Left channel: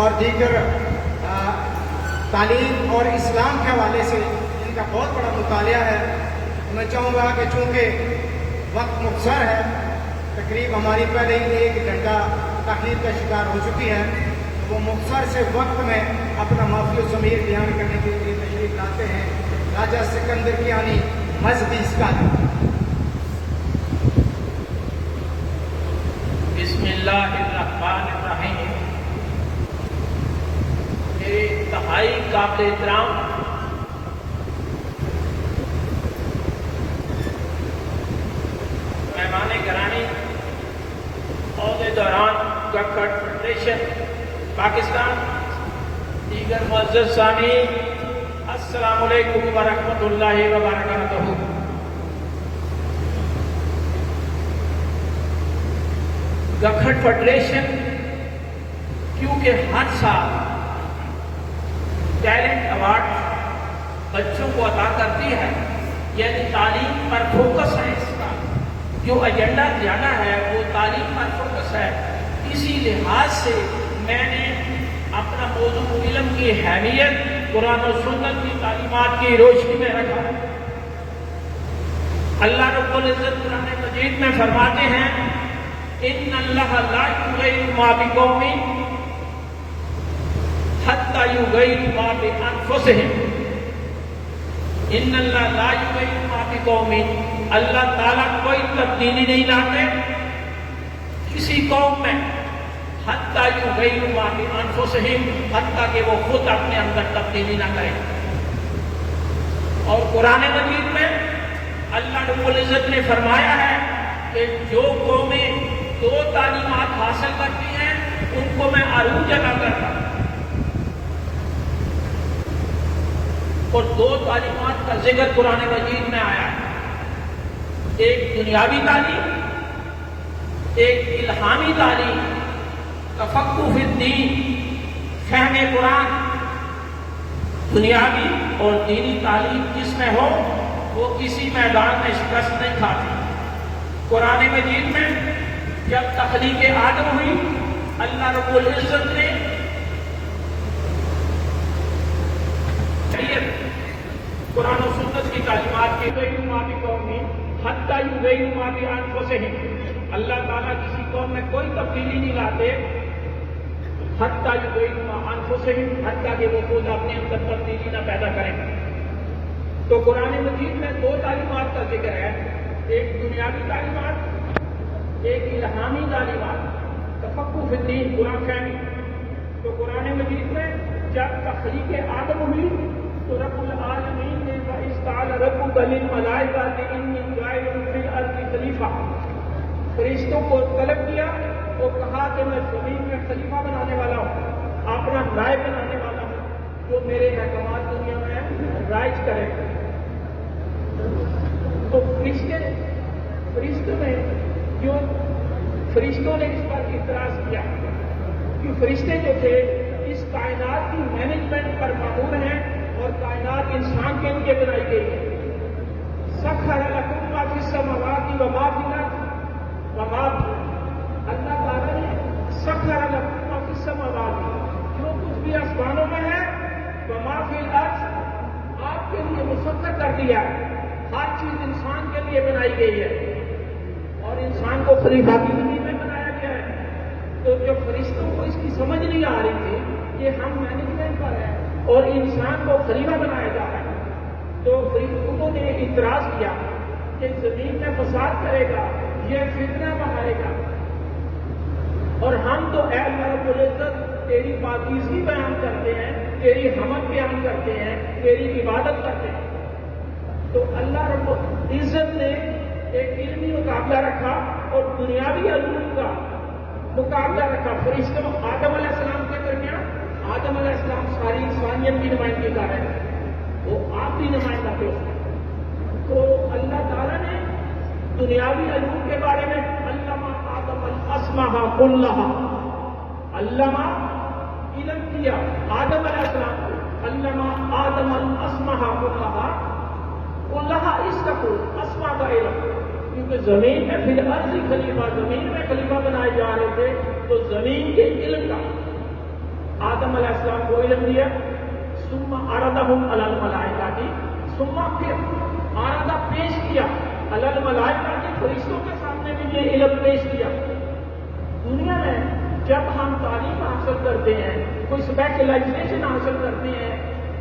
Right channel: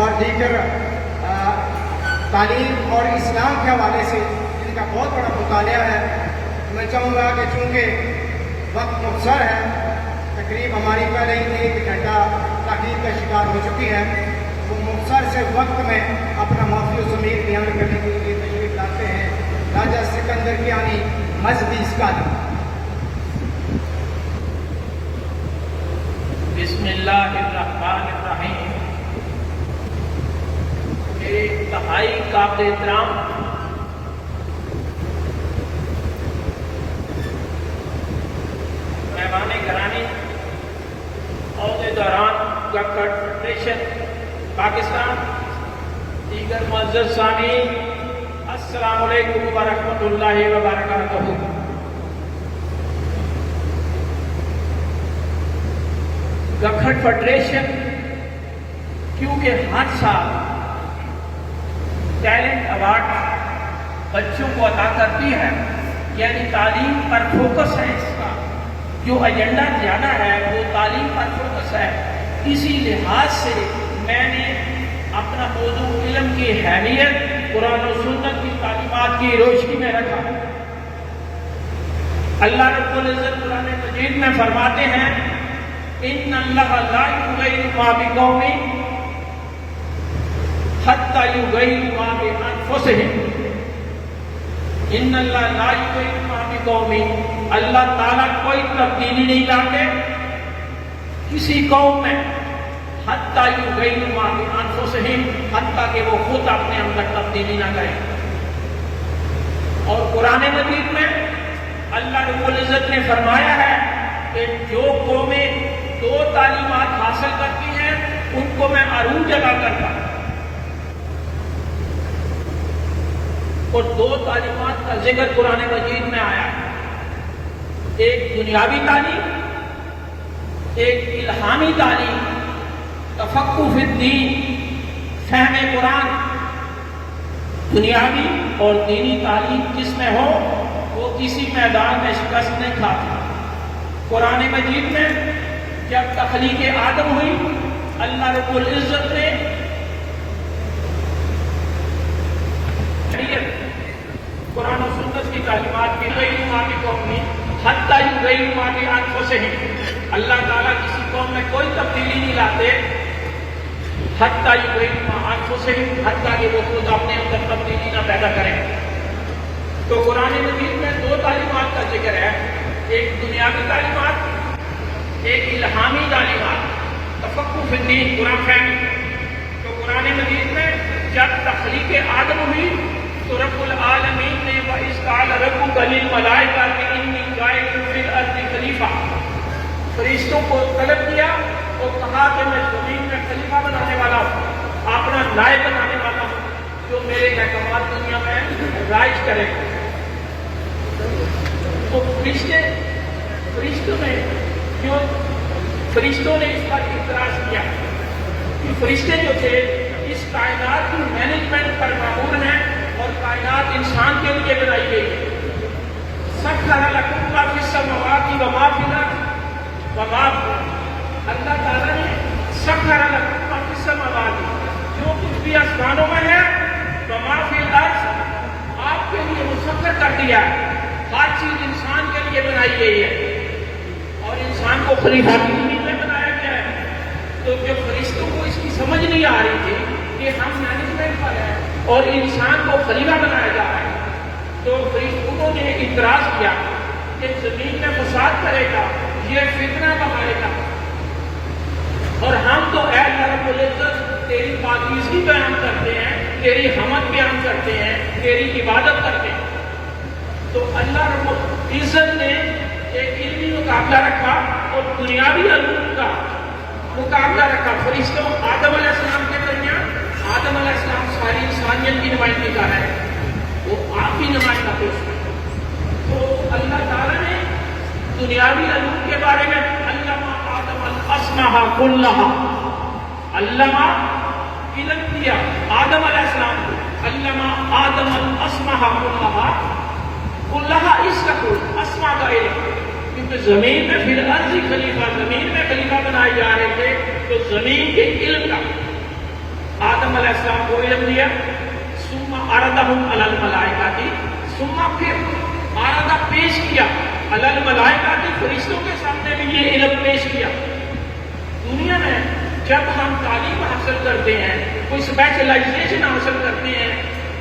اور دیگر تعلیم اور اسلام کے حوالے سے ان کا بہت بڑا مطالعہ ہے. میں چاہوں گا کہ چونکہ وقت مختصر ہے، تقریب ہماری پہلے ہی 1 گھنٹہ تاخیر کا شکار ہو چکی ہے، وہ مختصر سے وقت میں اپنا مفتی الضمیر بیان کرنے کے لیے تشریف لاتے ہیں. راجہ سکندر کیانی مذہبی اسکال. بسم اللہ الرحمن الرحیم. میرے انتہائی قابل احترام مہمان گرامی، عہدیداران گکھڑ فیڈریشن پاکستان، دیگر معزز سامعین، السلام علیکم ورحمۃ اللہ وبرکاتہ. گکھڑ فیڈریشن کیونکہ ہر سال ٹیلنٹ ایوارڈ بچوں کو عطا کرتی ہے، یعنی تعلیم پر فوکس ہے. اس کا جو ایجنڈا زیادہ ہے وہ تعلیم پر فوکس ہے. اسی لحاظ سے میں نے اپنا موضوع علم کی اہمیت قرآن و سنت کی تعلیمات کی روشنی میں رکھا. اللہ رب العزت قرآن مجید میں فرماتے ہیں ان اللہ لا یغیر ما بقوم حتی یغیروا ما بانفسہم. ان اللہ لا یغیر ما بقوم، اللہ تعالیٰ کوئی تبدیلی نہیں لاتے کسی قوم میں، حتی یغیروا ما بانفسہم، حتیٰ کہ وہ خود اپنے اندر تبدیلی نہ کریں. اور قرآن مجید میں اللہ رب العزت نے فرمایا ہے کہ جو قومیں 2 تعلیمات حاصل کرتی ہیں ان کو میں عروج عطا کرتا ہوں. اور 2 تعلیمات کا ذکر قرآن مجید میں آیا ہے، ایک دنیاوی تعلیم، ایک الہامی تعلیم، تفقہ فی الدین، فہم قرآن. دنیاوی اور دینی تعلیم جس میں ہو وہ کسی میدان میں شکست نہیں کھاتی. قرآن مجید میں جب تخلیق آدم ہوئی، اللہ رب العزت نے قرآن و سنت کی تعلیمات کی غیر ماں قومی حتی یغیروا ما بانفسہم. اللہ تعالیٰ کسی قوم میں کوئی تبدیلی نہیں لاتے حتی یغیروا ما بانفسہم، حتیٰ کہ وہ خود اپنے اندر تبدیلی نہ پیدا کریں. تو قرآن مجید میں 2 تعلیمات کا ذکر ہے، ایک دنیاوی تعلیمات، ایک الہامی تعلیمات، تفقہ فی الدین، قرآن فہمی. تو قرآن مجید میں جب تخلیق آدم ہوئی تو رب العالمین نے وَإِذْ قَالَ رَبُّكَ لِلْمَلَائِكَةِ إِنِّي جَاعِلٌ فِي الْأَرْضِ خَلِيفَةً. فرشتوں کو طلب کیا اور کہا کہ میں زمین میں خلیفہ بنانے والا ہوں، اپنا نائب بنانے والا ہوں جو میرے احکامات دنیا میں رائج کرے. تو فرشتوں نے اس پر اعتراض کیا کہ فرشتے جو تھے اس کائنات کی مینجمنٹ پر مامور ہیں اور کائنات انسان کے لیے بنائی گئی ہے. سخر لکم ما فی السماوات وما فی الارض وما، اللہ تعالیٰ نے سخر لکم ما فی السماوات، جو کچھ بھی آسمانوں میں ہے، وما فی الارض، آپ کے لیے مسخر کر دیا ہے. ہر چیز انسان کے لیے بنائی گئی ہے اور انسان کو خلیفہ کی زمین میں بنایا گیا ہے. تو جب فرشتوں کو اس کی سمجھ نہیں آ رہی تھی کہ ہم مینجمنٹ پر ہیں اور انسان کو خلیفہ بنایا جا رہا ہے، تو انہوں نے اعتراض کیا کہ زمین میں فساد کرے گا، یہ فتنہ بنائے گا، اور ہم تو اے اللہ رب العزت تیری پاکیزگی بیان کرتے ہیں، تیری حمد بیان کرتے ہیں، تیری عبادت کرتے ہیں. تو اللہ رب العزت نے ایک علمی مقابلہ رکھا اور دنیاوی علوم کا مقابلہ رکھا. فرشتوں آدم علیہ السلام کے درمیان، آدم علیہ السلام ساری انسانیت کی نمائندگی کر رہے ہیں، وہ آپ کی نمائندہ تھے اس میں. تو اللہ تعالیٰ نے دنیاوی علوم کے بارے میں علمہ آدم الاسماء کلہا، علمہ علم دیا آدم علیہ السلام کو، علمہ آدم الاسماء کلہا. کلہا اس کا کوئی اسماء کا علم، کیونکہ زمین میں فی الارض خلیفہ، زمین میں خلیفہ بنائے جا رہے تھے، تو زمین کے علم کا علیہ السلام کو علم دیا، ثم عرضهم علی الملائکہ، ثم پھر عرضہ پیش کیا علی الملائکہ، فرشتوں کے سامنے بھی یہ علم پیش کیا۔ دنیا میں جب ہم تعلیم حاصل کرتے ہیں، کوئی اسپیشلائزیشن حاصل کرتے ہیں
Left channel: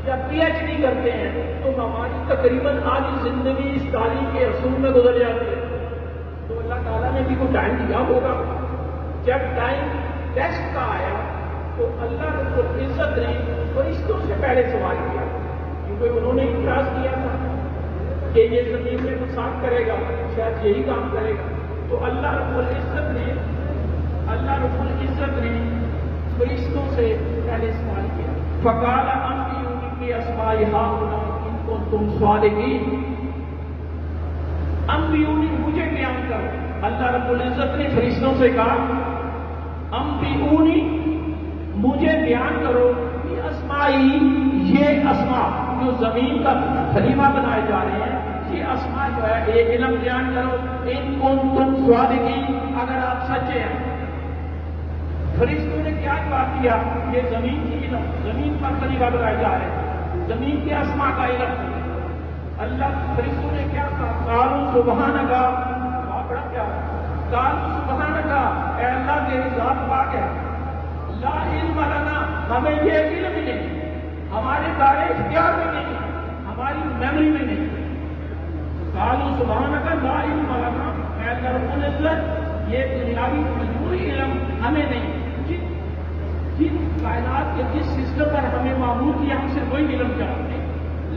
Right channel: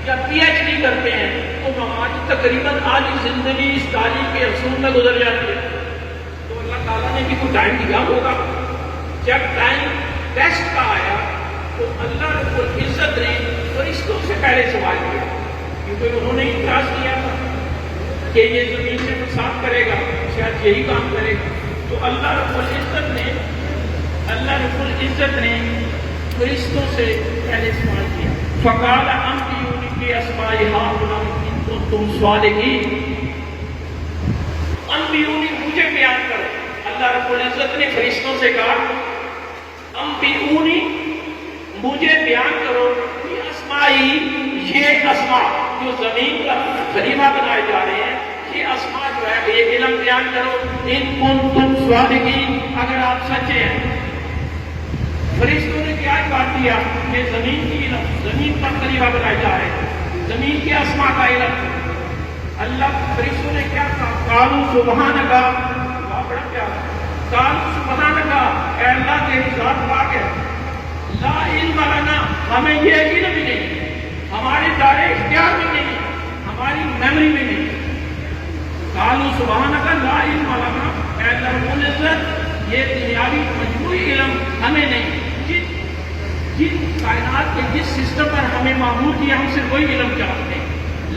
یا پی ایچ ڈی کرتے ہیں، تو ہماری تقریباً آدھی زندگی اس تعلیم کے اصول میں گزر جاتی ہے۔ تو اللہ تعالیٰ نے بھی کوئی ٹائم دیا ہوگا۔ جب ٹائم ٹیسٹ کا آیا تو اللہ رب العزت نے فرشتوں سے پہلے سوال کیا، کیونکہ انہوں نے اعتراض کیا تھا کہ یہ زمین میں فساد کرے گا، شاید یہی کام کرے گا۔ تو اللہ رب العزت نے فرشتوں سے پہلے سوال کیا، فقال انبئونی باسماء ہؤلاء ان کنتم صادقین، انبئونی مجھے بیان کرو۔ اللہ رب العزت نے فرشتوں سے کہا انبئونی مجھے بیان کرو باسماء، یہ اسماء جو زمین پر خلیفہ بنائے جا رہے ہیں، یہ اسماء جو ہے یہ علم بیان کرو، ان کنتم صادقین، اگر آپ سچے ہیں۔ فرشتوں نے کیا جواب دیا؟ یہ زمین کی علم، زمین پر خلیفہ بنائے جا رہے ہیں، زمین کے اسماء کا علم۔ اللہ فرشتوں نے کیا کہا؟ قالوا سبحانک، بڑا پیارا، قالوا سبحانک، اے اللہ تیری ذات پاک ہے، لا علم لنا، ہمیں یہ علم ہی نہیں، ہمارے دائرے اختیار میں نہیں، ہماری میموری میں نہیں۔ قالوا سبحانک لا علم لنا، اے اللہ رب العزت یہ دنیاوی مجموعی علم ہمیں نہیں، جن کائنات کے جس سسٹم پر ہمیں معمول کیا ہم صرف وہی علم جانتے ہیں۔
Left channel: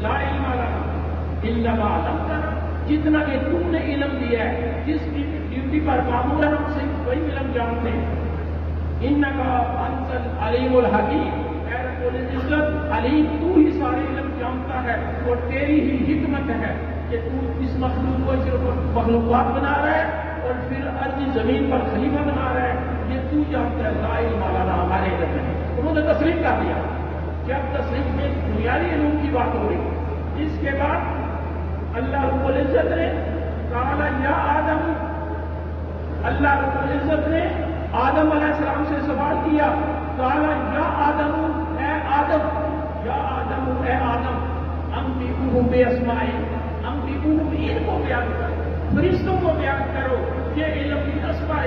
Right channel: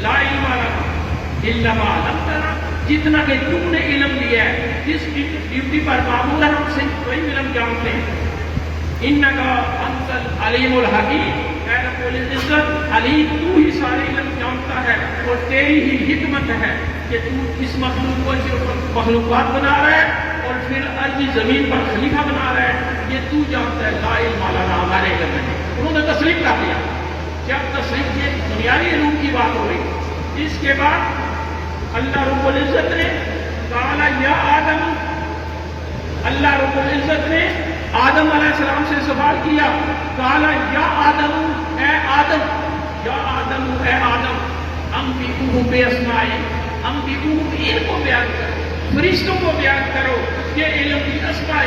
لا علم لنا الا ما علمتنا، جتنا کہ تم نے علم دیا ہے، جس ڈیوٹی پر معمول ہے ہم صرف وہی علم جانتے ہیں۔ انکا انت العلیم الحکیم، اے رب العزت علیم تو ہی سارے علم جانتا ہے، اور تیری ہی حکمت ہے کہ تو اس مخلوق کو صرف مخلوقات بنا رہا ہے اور پھر ارضی زمین پر خلیفہ بنا رہا ہے، یہ تو جانتا ہے، لا علم لنا، ہمارے علم نہیں۔ انہوں نے تسلیم کر دیا۔ جب تسلیم یہ دنیاوی علوم کی بات ہو رہی، اس کے بعد اللہ رب العزت نے کہا یا آدم، اللہ رب العزت نے آدم علیہ السلام سے سوال کیا، کہا یا آدم، اے آدم، یا آدم، اے آدم، انبئوہم باسمائہم، انبئوہم، ان کو بیان کرو، فرشتوں کو بیان کرو، یہ علم کی اسماء،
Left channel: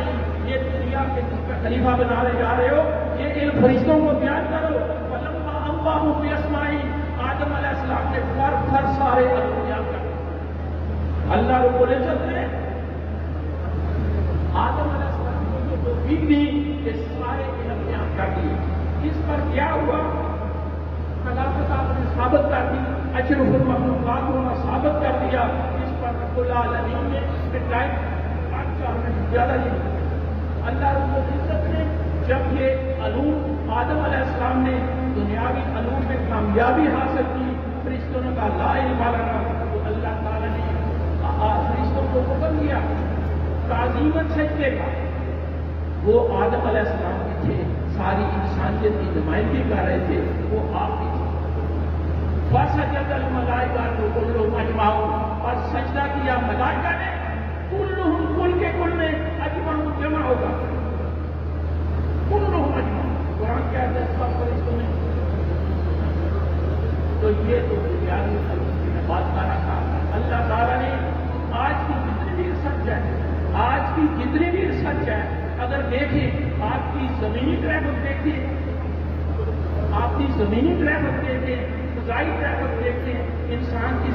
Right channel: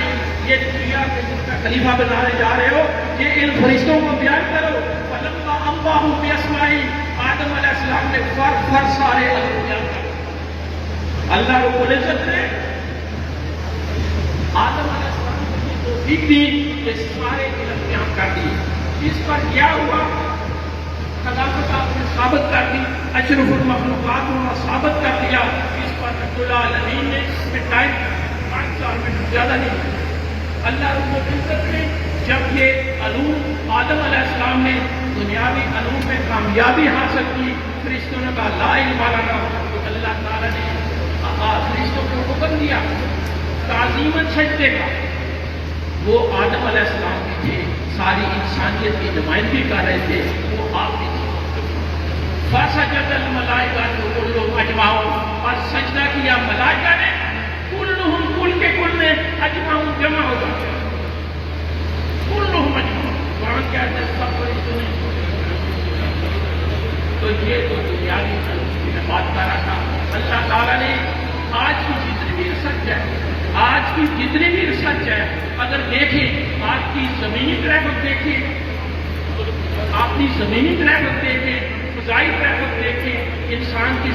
یہ دنیا کے جس کا خلیفہ بنانے جا رہے ہو، یہ علم فرشتوں کو بیان کرو۔ فلما انباہم باسمائہم، آدم علیہ السلام نے فر سارے علم بیان کر۔ اللہ رب العزت نے آدم علیہ السلام کو یہ توفیق دی کہ سارے علم بیان کر دی۔ اس پر کیا ہوا؟ خلافت آپ نے ثابت کر دی، اشرف المخلوقات ہونا ثابت کر دیا۔ اس پر رب العالمین نے ٹائم 5 سال میں زیادہ نہیں۔ اللہ رب العزت نے جب یہ علوم آدم علیہ السلام نے دنیاوی علوم میں کامیابی حاصل کی، فرشتوں نے کہا لا علم لنا، تو اللہ تعالیٰ نے فرشتوں کو حکم دیا تعظیماً سجدے کا۔ وہ آدم علیہ السلام کی تھے، ساری انسانیت کی نمائندگی کر رہے تھے، وہ آپ کی تھی۔ فسجد الملائکہ کلہم اجمعون، اور سجدہ کیا ملائکہ نے، کلہم، کل کے کل نے، اجمعون جمع ہوگا، کلہم اجمعون، قرآن کہتے ہیں سب فرشتوں نے۔ تو یہ تو دنیاوی علوم کی بات کر رہا تھا۔ اللہ تعالیٰ نے آج کی جتنی بھی ریسرچ ہے، آج کی جتنی بھی ریسرچ ہے، اگر دیکھیں آج کی زمینی ٹریفک دیکھیں، آپ کی زمینی ٹریفک دیکھیں، فضائی ٹریفک دیکھیں، انسان کی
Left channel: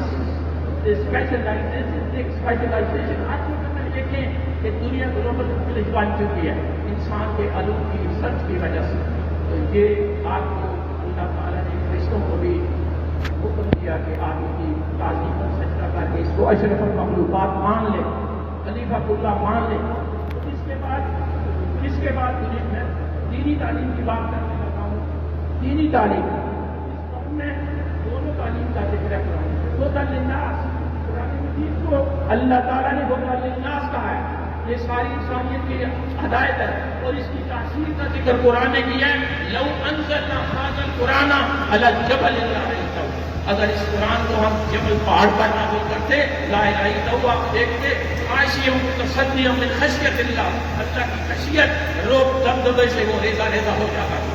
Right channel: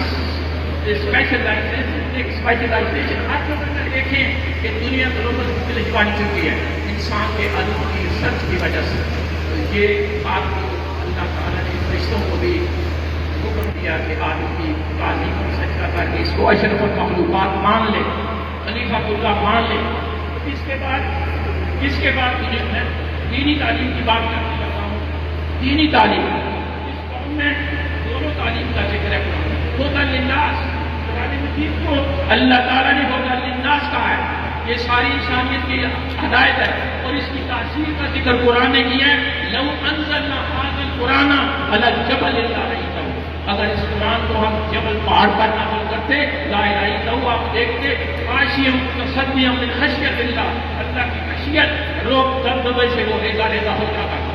اسپیشلائزیشن ہر جگہ پر دیکھیں کہ دنیا گلوبل ولیج بن چکی ہے انسان کے علوم کی ریسرچ کی وجہ سے۔ تو یہ بات کو اللہ تعالیٰ نے فرشتوں کو بھی حکم دیا کہ آدم کی تعلیم کی سجدہ کر کے اس کو اشرف المخلوقات مان لے، خلیفہ اللہ مان لے۔ اس کے بعد میں دینی تعلیم کی بات کرنے لگا ہوں۔ دینی تعلیم، اس قوم میں دونوں تعلیم کا ذکر ہے۔ ہدی للناس، قرآن مجید کو اللہ تعالیٰ نے ہدی للناس کہا ہے، یہ ساری انسانیت کی ہدایت ہے، اور اس کی تاثیر کا ذکر قرآن نے کیا ہے۔ لو انزلنا هذا القرآن على الجبل لرأيته، اگر اس قرآن کو ہم جبل پہاڑ پر نازل کرتے، لا الہ الا اللہ دیکھتے، خاشعا متصدعا من خشیۃ اللہ، اللہ کی خشیت روب بندے سے وہ ریزہ ریزہ ہو جاتا تھا۔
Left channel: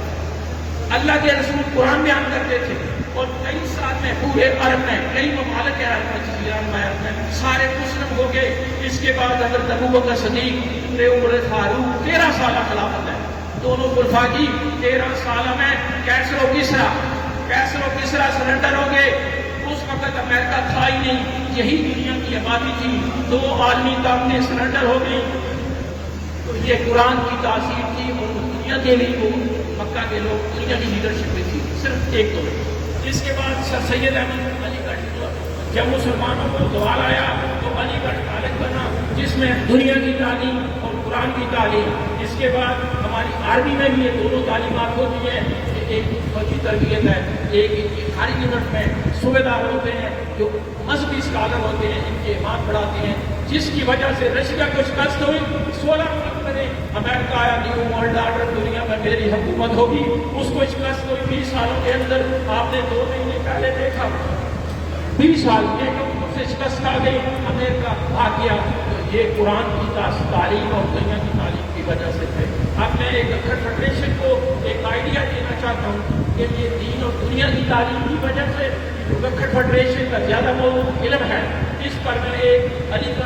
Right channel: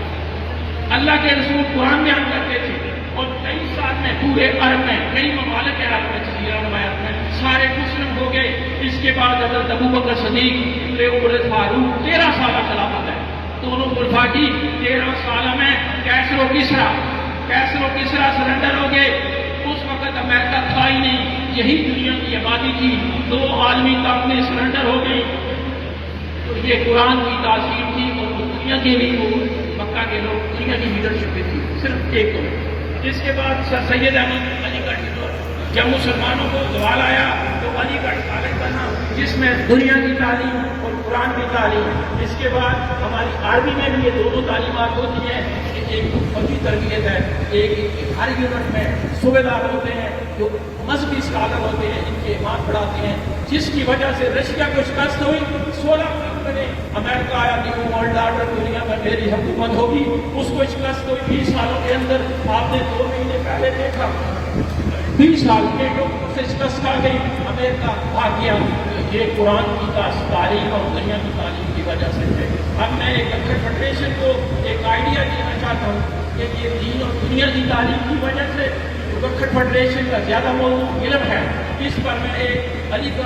اللہ کے رسول قرآن میں ہم کرتے تھے اور کئی سال میں پورے عرب میں کئی ممالک عرب میں سارے مسلم ہو گئے. اس کے بعد حضرت ابوبکر صدیق پورے عمر فاروق 13 سالہ خلافت ہے. دونوں خلفاء کی 13 سالہ میں کیسر و کسرا سرنڈر ہو گئے. اس وقت امریکہ تھا ہی نہیں, یہی دنیا کی آبادی تھی. 2 عالمی طاقتیں سرنڈر ہو گئی. تو یہ قرآن کی تاثیر تھی اور دنیا کے لیے وہ مکہ کے لوگ دنیا کی لیڈرشپ تھی صرف ایک دو. اس کے بعد سر سید احمد علی گڑھ کو جب مسلمانوں کو زوال آیا تو علی گڑھ کالج بنا جس میں دنیا کی تعلیم اور قرآن کی تعلیم. اس کے بعد ہماری عربی میں بھی یہ دونوں تعلیمات ہوتی ہے. ایک فوجی تربیت ہے, ایک ہر یونٹ میں صوبے دار ہوتے ہیں جو مذہبی اسکالر ہوتے ہیں, ان کے امام پڑھاتے ہیں, جس کی وجہ سے رشیا کو شکست ہوئی. 16 ملک میں امریکہ آیا نیو ورلڈ آرڈر دنیا میں میری حکومت ہوگی, اس کو شکست ہوئی. 20 سالوں کے اندر آپ نے 2 مہینے پہلے دیکھا 20 سال کے سے شکست کر گئی, امریکہ بھاگ گیا. یہ قرآن کی تعلیم اور دنیا کی تعلیم کی وجہ سے ہے. اب میں ایک فیڈریشن کو ایک آئیڈیا دینا چاہتا ہوں کہ یہ دین اور دنیا کی تعلیم کی وجہ سے فیڈریشن کا زیادہ موضوع علم ہے. اس پر میں ایک علی گڑھ